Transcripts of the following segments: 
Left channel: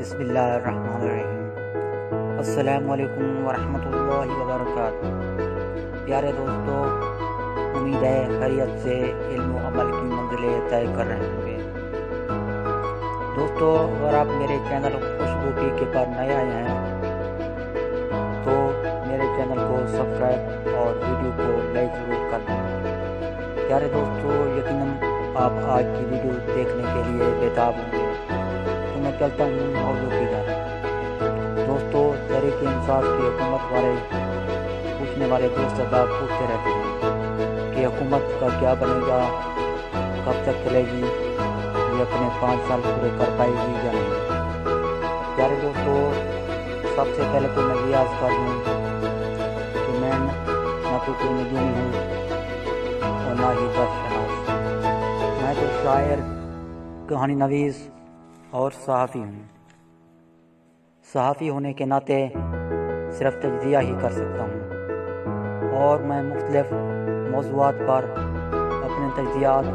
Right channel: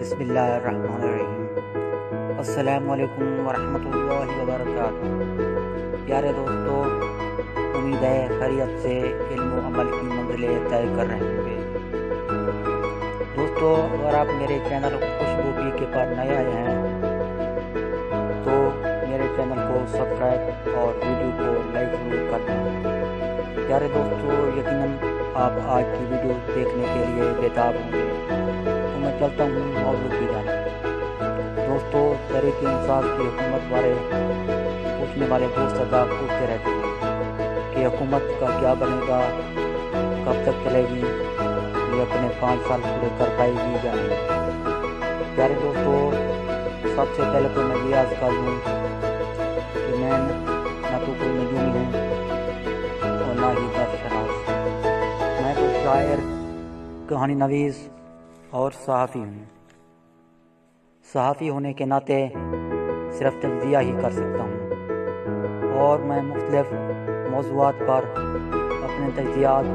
بسم اللہ الرحمن الرحیم۔ السلام علیکم ورحمۃ اللہ وبرکاتہ۔ پیارے دوستو، امید ہے خیریت سے علم و عمل کی منزلیں طے کر رہے ہوں گے۔ دوستو، اگر آپ میرے چینل خوشبو پی کے پر نئے آئے ہیں تو میرے چینل کو سبسکرائب اور ویڈیو کو لائک ضرور کر دیں۔ پیارے دوستو، یقیناً آپ آج کی ویڈیو دیکھنے کے لیے بےتاب ہوں گے، تو میں چلتا ہوں موضوع کی جانب۔ دوستو، تحریک انصاف کی حکومت بارے پوچھنے والے دوست ادا پوچھتے رہتے ہیں کہ حکومت کا کیا بنے گا، کب تک چلے گی، یہ اپنے 5 سال پورے کر پائے گی یا نہیں۔ پیارے دوستو، سب سے پہلے تو میں یہ عرض کر دوں کہ میں نہ تو کوئی نجومی ہوں اور نہ ہی دست شناس۔ میں تو شاعر، کہانی نویس اور صحافی ہوں۔ صحافی ہونے کے ناطے صرف تجزیہ ہی کر سکتا ہوں، اور میں مختلف موضوعات پر اپنے تجزیات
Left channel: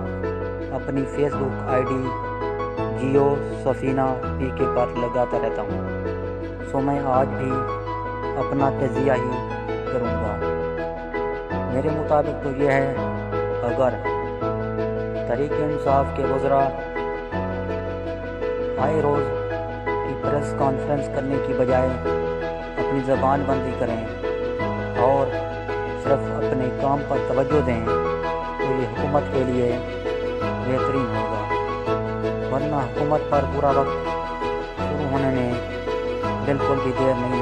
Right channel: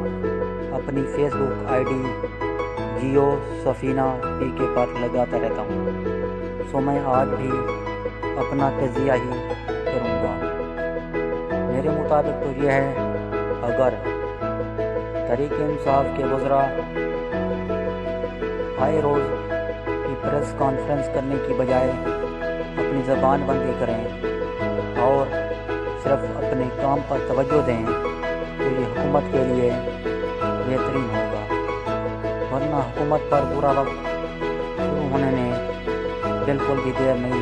اپنی Facebook I D Geo Safina P K پر لگاتا رہتا ہوں، سو میں آج بھی اپنا تجزیہ ہی کروں گا۔ میرے مطابق تو یہ ہے، اگر تحریک انصاف کے وزراء آئے روز کی پریس کانفرنس کرنے کی بجائے اپنی زبان بندی کریں اور صرف اپنے کام پر توجہ دیں تو یہ حکومت کے لیے بہترین ہوگا، ورنہ حکومت پر برا وقت شروع ہونے میں بالکل بھی دیر نہیں